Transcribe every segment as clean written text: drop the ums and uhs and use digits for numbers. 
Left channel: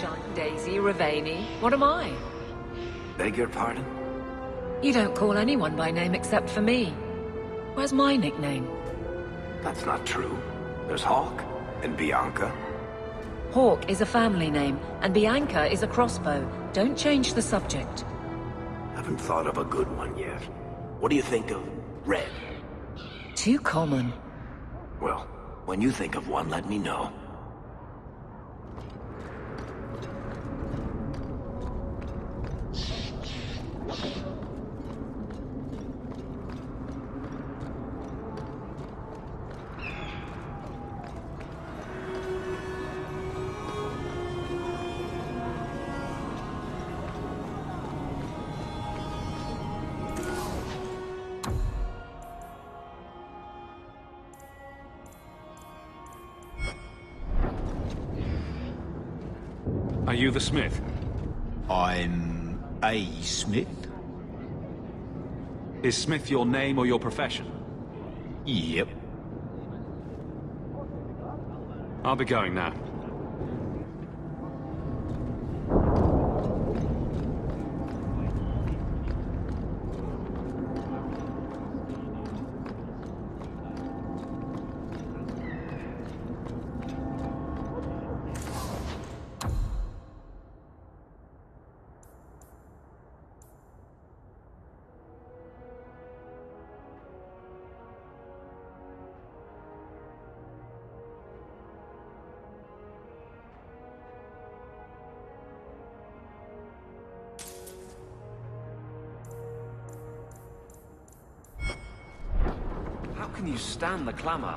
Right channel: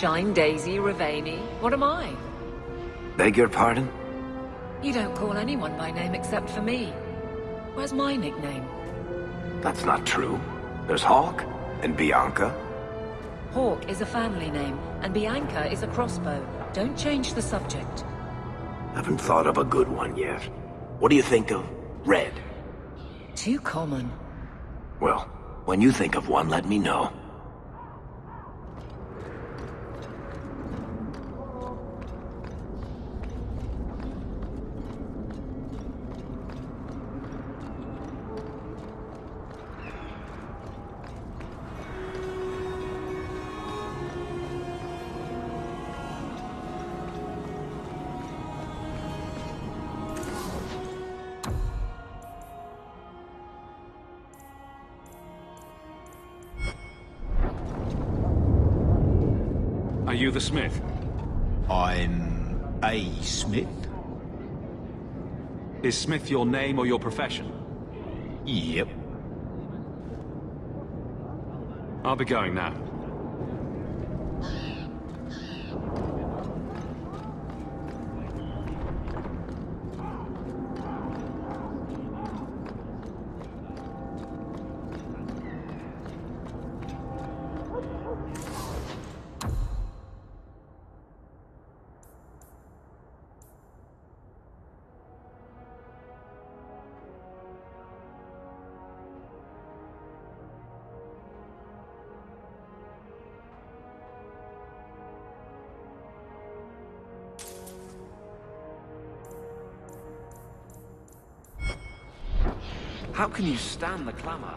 Sunshine, Daisy, Ravani. What am I? Beg your pardon? You don't call anyone by name except for me. Where's my nickname? That's not true. There's Hawk and Bianca. Hawk is a family name, and Bianca is a crossbow. Don't change the subject. Haven't thought of a good one yet. What do you think of Red? Too common. Well, when you think of one, let me know. Are you the smith? I'm a smith? Is smith your name or your profession? Yep. I'll be going now. How can you clamor?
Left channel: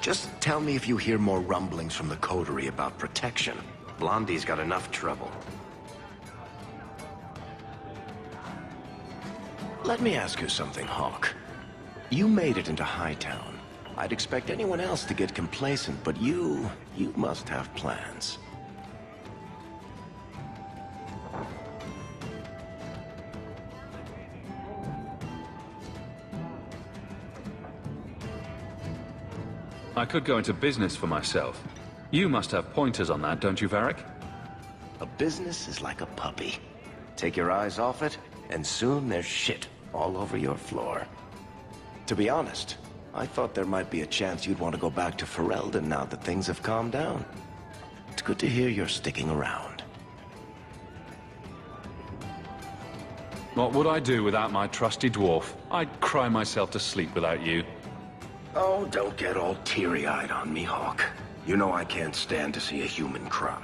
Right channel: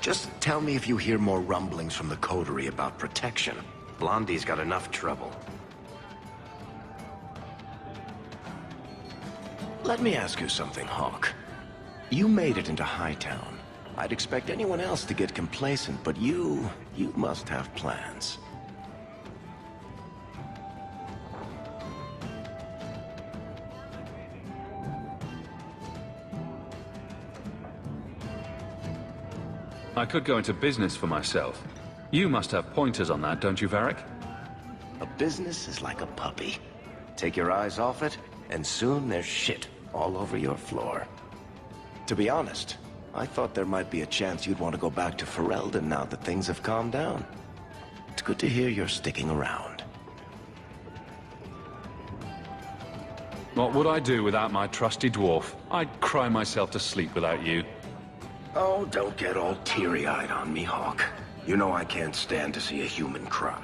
Just tell me if you hear more rumblings from the coterie about protection. Blondie's got enough trouble. Let me ask you something, Hawk. You made it into Hightown. I'd expect anyone else to get complacent, but you must have plans. I could go into business for myself. You must have pointers on that, don't you, Varric? A business is like a puppy. Take your eyes off it, and soon there's shit all over your floor. To be honest, I thought there might be a chance you'd want to go back to Ferelden now that things have calmed down. It's good to hear you're sticking around. What would I do without my trusty dwarf? I'd cry myself to sleep without you. Oh, don't get all teary-eyed on me, Hawk. You know I can't stand to see a human cry.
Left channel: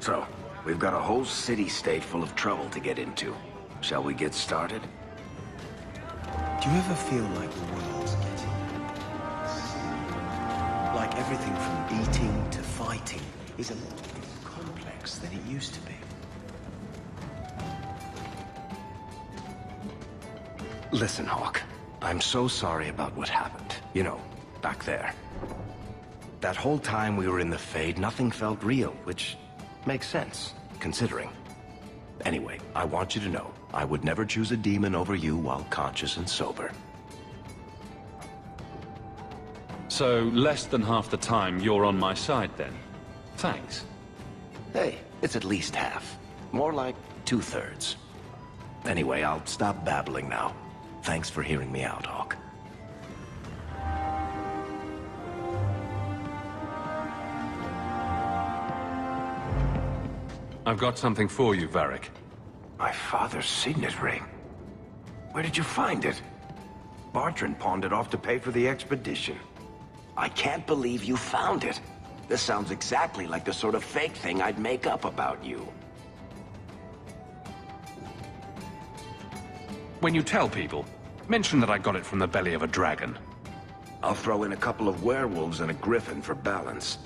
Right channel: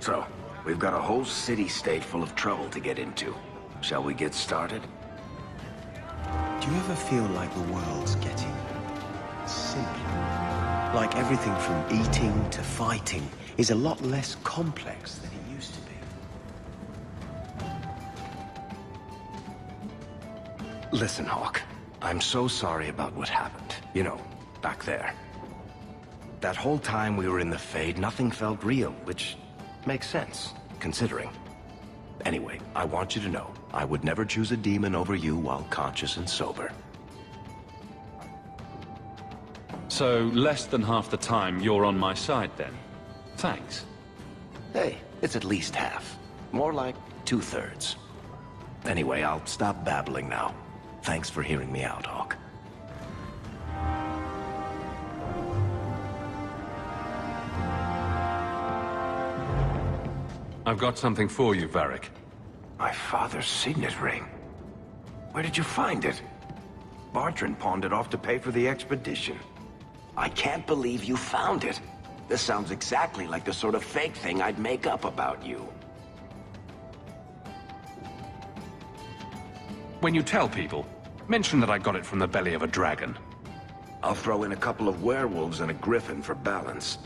So, we've got a whole city-state full of trouble to get into. Shall we get started? Do you ever feel like the world's getting simpler? Like everything from eating to fighting is a lot less complex than it used to be? Listen, Hawk. I'm so sorry about what happened. You know, back there. That whole time we were in the Fade, nothing felt real, which makes sense, considering. Anyway, I want you to know, I would never choose a demon over you while conscious and sober. So, less than half the time you're on my side, then? Thanks. Hey, it's at least half. More like 2/3. Anyway, I'll stop babbling now. Thanks for hearing me out, Hawk. I've got something for you, Varric. My father's signet ring. Where did you find it? Bartrand pawned it off to pay for the expedition. I can't believe you found it. This sounds exactly like the sort of fake thing I'd make up about you. When you tell people, mention that I got it from the belly of a dragon. I'll throw in a couple of werewolves and a griffin for balance.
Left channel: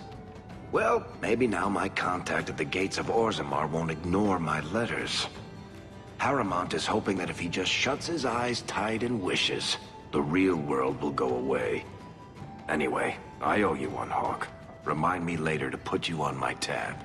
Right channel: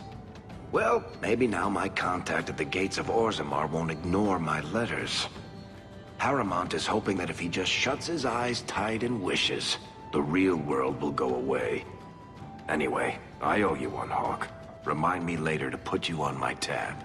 Well, maybe now my contact at the gates of Orzammar won't ignore my letters. Harrimont is hoping that if he just shuts his eyes tight and wishes, the real world will go away. Anyway, I owe you one, Hawk. Remind me later to put you on my tab.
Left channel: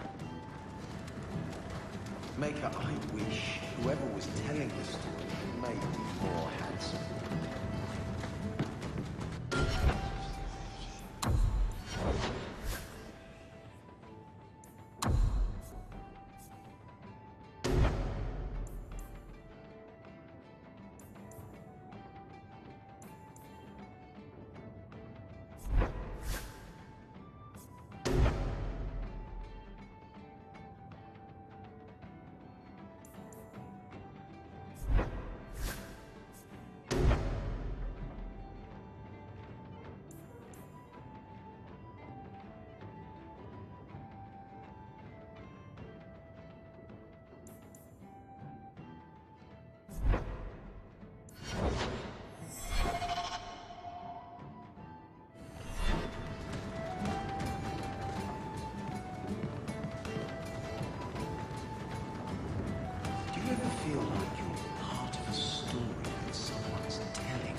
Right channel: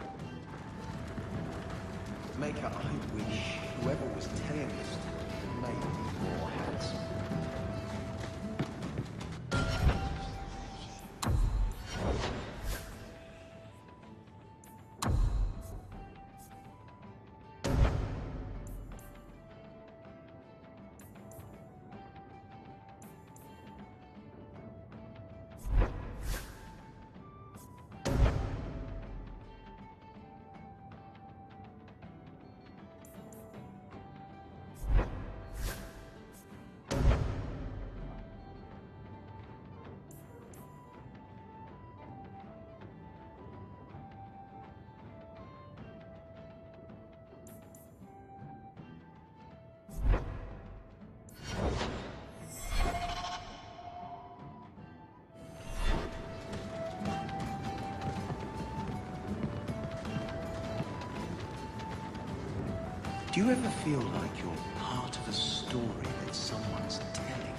Do you ever feel like you're part of a story that someone's telling?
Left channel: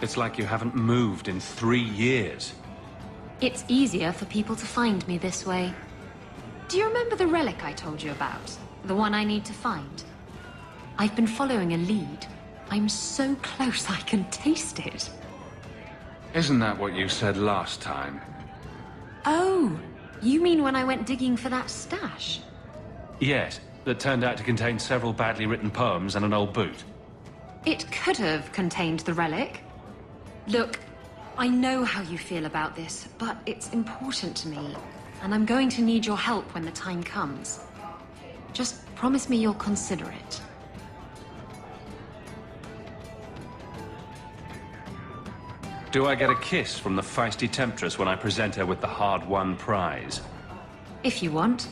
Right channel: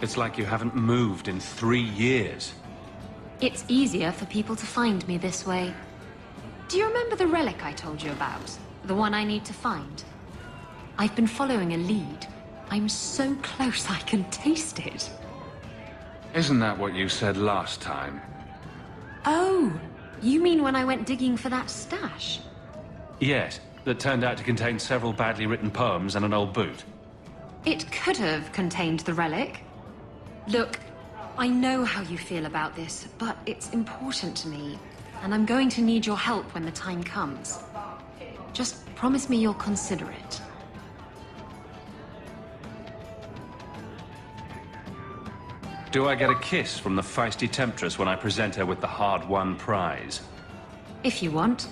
It's like you haven't moved in 3 years. It's easier for people to find me this way. Do you remember the relic I told you about? The one I need to find? I've been following a lead. I'm so close I can taste it. Isn't that what you said last time? Oh, you mean when I went digging for that stash? Yes, that turned out to contain several badly written poems and an old boot. It could have contained the relic. Look, I know how you feel about this, but it's important to me, and I'm going to need your help when the time comes. Just promise me you'll consider it. Do I get a kiss from the feisty temptress when I present her with the hard-won prize? If you want.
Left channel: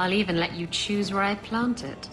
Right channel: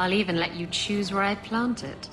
I'll even let you choose where I plant it.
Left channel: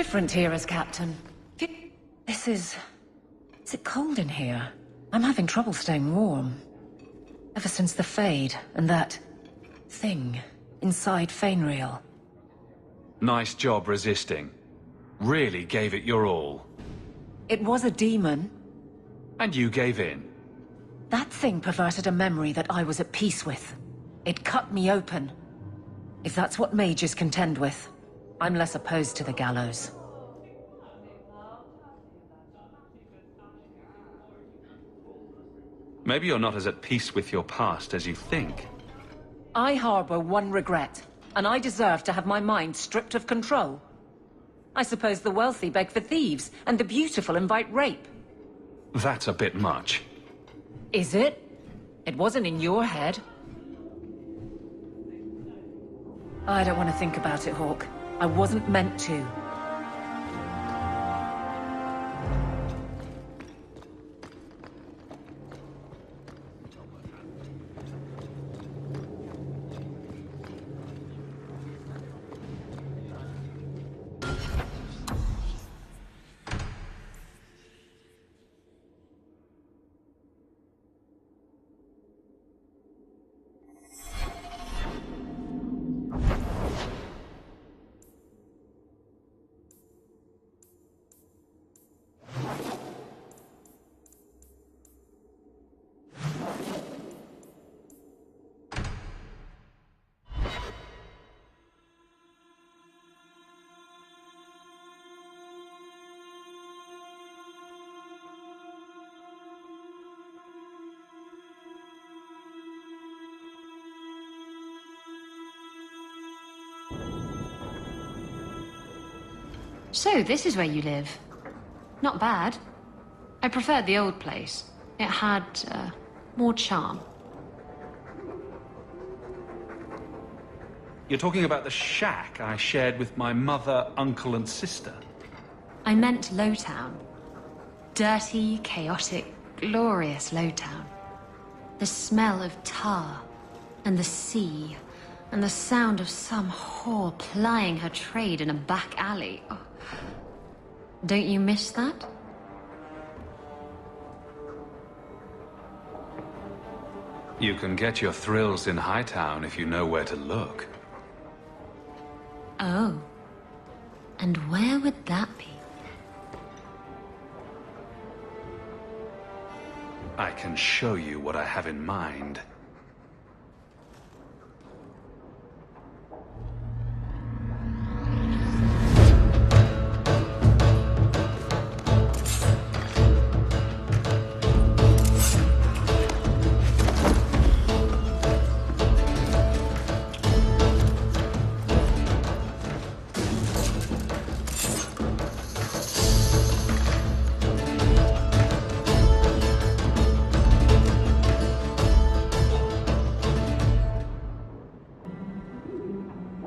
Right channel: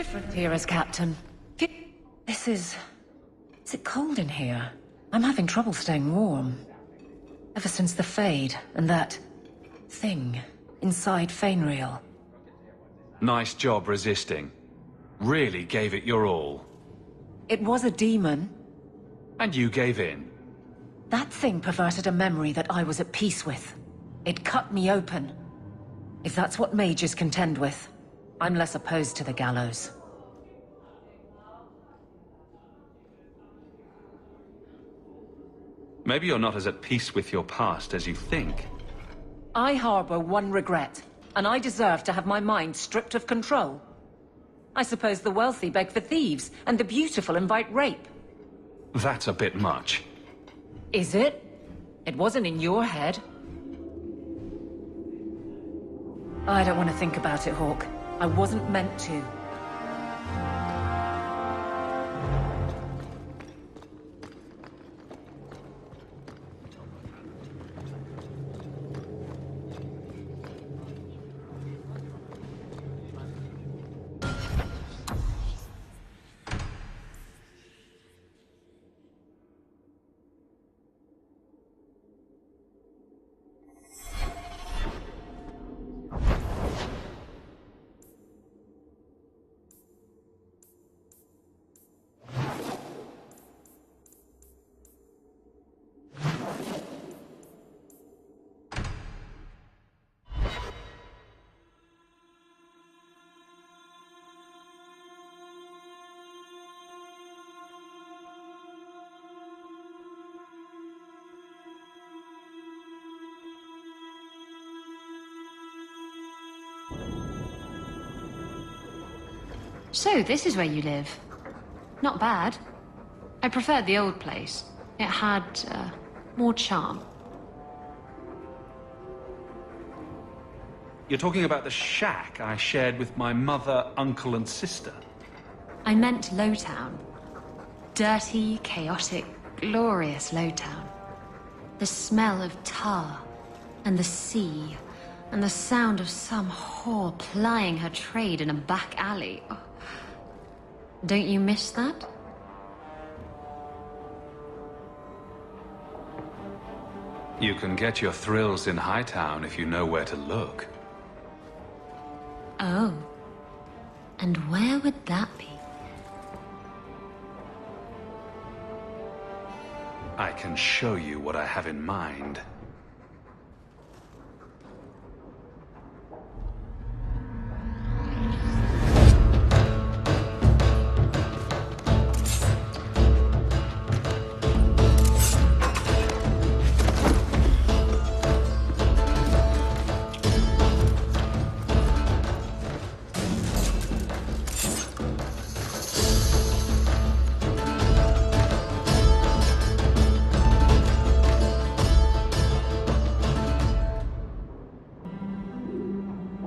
different here as captain. This is... Is it cold in here? I'm having trouble staying warm. Ever since the Fade and that... thing inside Fainreal. Nice job resisting. Really gave it your all. It was a demon. And you gave in. That thing perverted a memory that I was at peace with. It cut me open. If that's what mages contend with, I'm less opposed to the gallows. Maybe you're not as at peace with your past as you think. I harbor one regret, and I deserve to have my mind stripped of control. I suppose the wealthy beg for thieves, and the beautiful invite rape. That's a bit much. Is it? It wasn't in your head. I don't want to think about it, Hawk. I wasn't meant to. So, this is where you live. Not bad. I preferred the old place. It had, more charm. You're talking about the shack I shared with my mother, uncle, and sister. I meant Lowtown. Dirty, chaotic, glorious Lowtown. The smell of tar, and the sea, and the sound of some whore plying her trade in a back alley. Oh. Don't you miss that? You can get your thrills in Hightown if you know where to look. Oh. And where would that be? I can show you what I have in mind.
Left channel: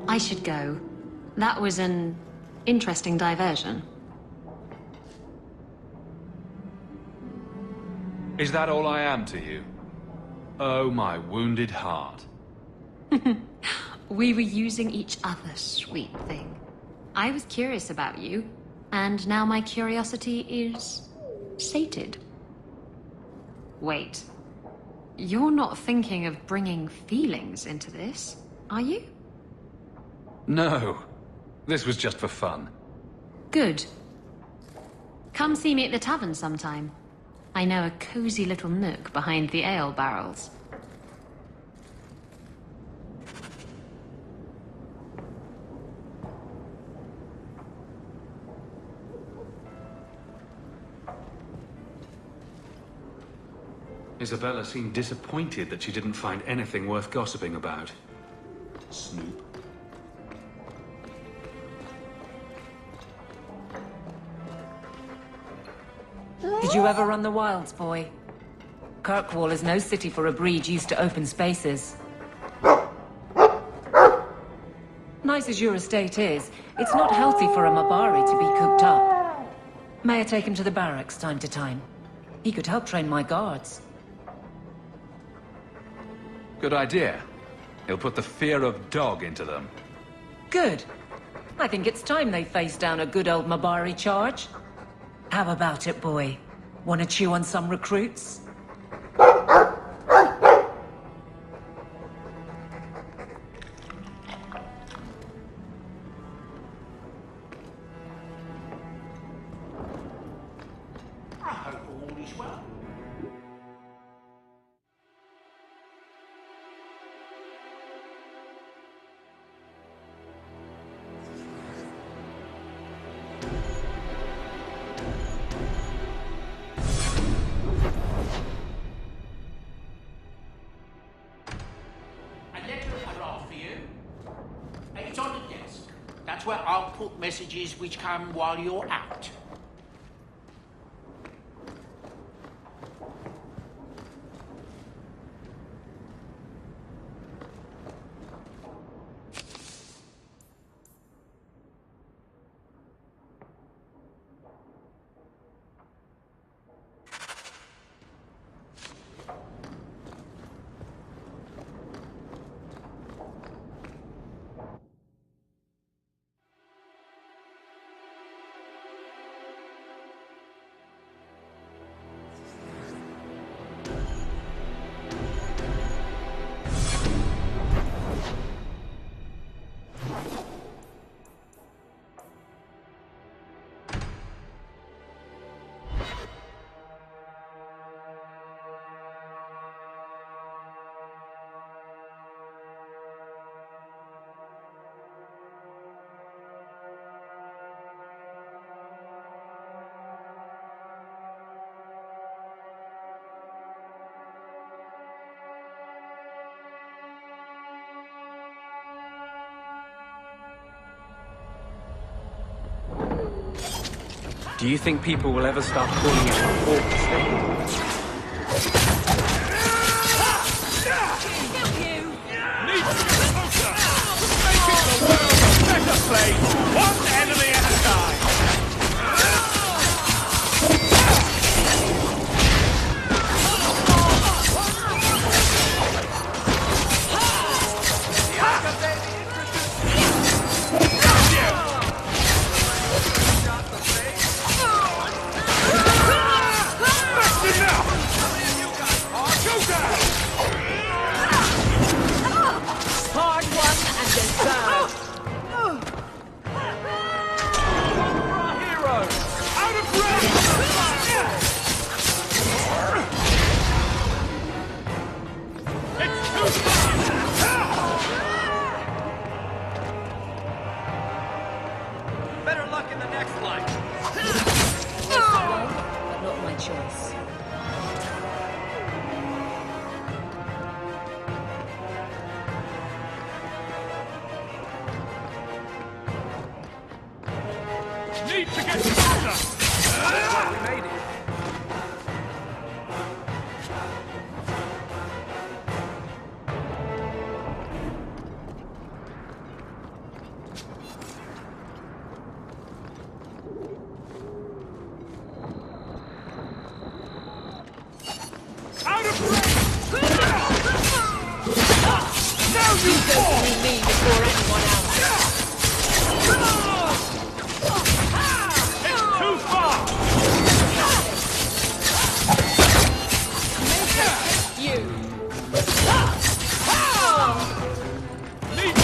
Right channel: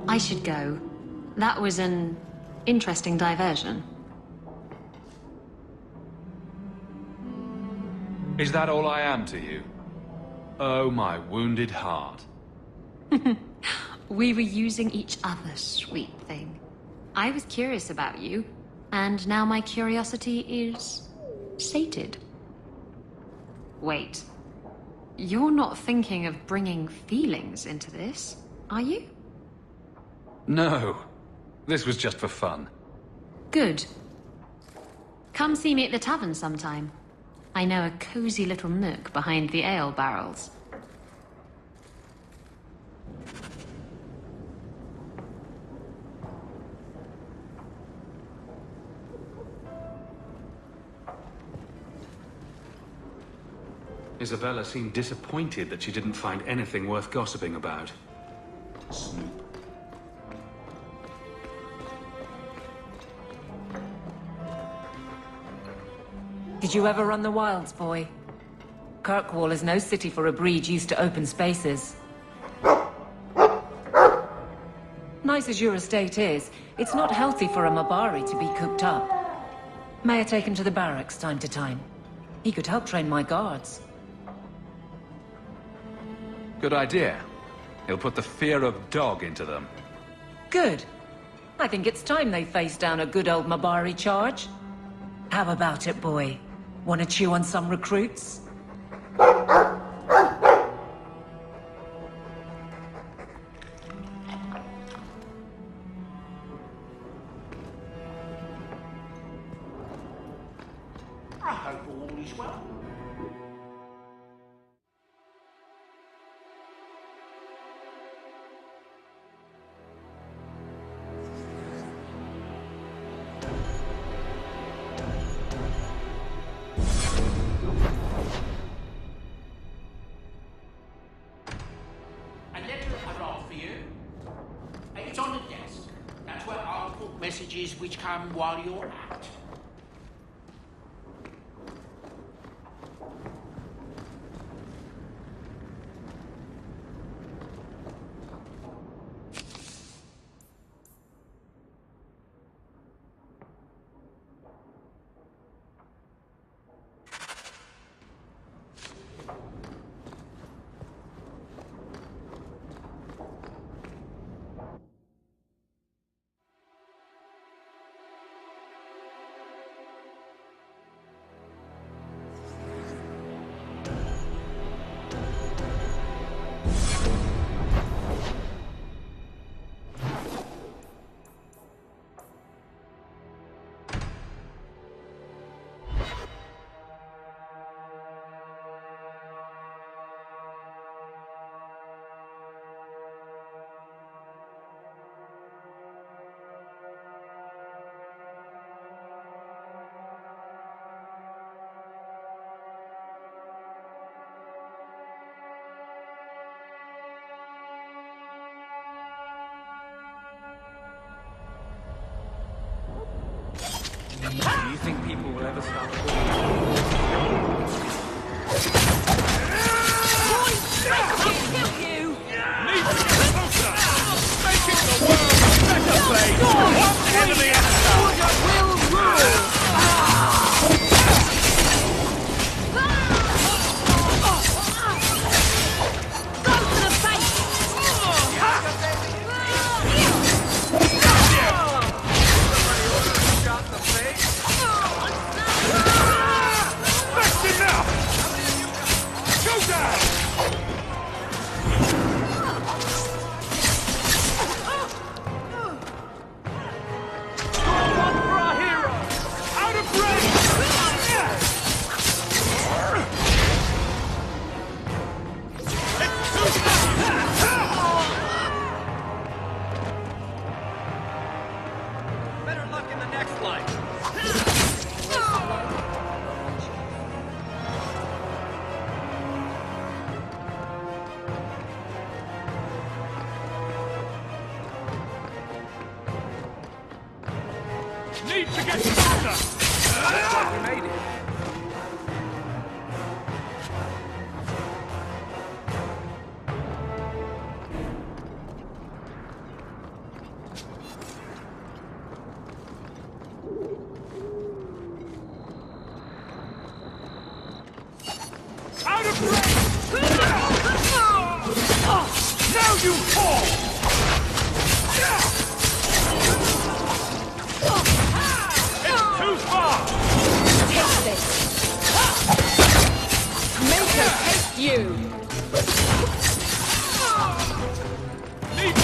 I should go. That was an interesting diversion. Is that all I am to you? Oh, my wounded heart. We were using each other, sweet thing. I was curious about you, and now my curiosity is sated. Wait. You're not thinking of bringing feelings into this, are you? No. This was just for fun. Good. Come see me at the tavern sometime. I know a cozy little nook behind the ale barrels. Isabella seemed disappointed that she didn't find anything worth gossiping about. Snoop. Did you ever run the wilds, boy? Kirkwall is no city for a breed used to open spaces. Nice as your estate is, it's not healthy for a Mabari to be cooped up. May I take him to the barracks time to time? He could help train my guards. Good idea. He'll put the fear of dog into them. Good. I think it's time they face down a good old Mabari charge. How about it, boy? Want to chew on some recruits? It's on the desk. That's where I'll put messages which come while you're out. Do you think people will ever start calling it an orchestra? Need to get closer! Making the world a better place! One enemy at a time! That's enough! Go down! Out of range! It's too far! Not my choice. Need to get closer! Out of range! Now you fall! It's too far! Make her hate you! Need to...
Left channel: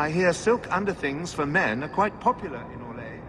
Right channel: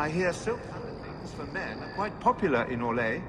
I hear silk underthings for men are quite popular in Orlais.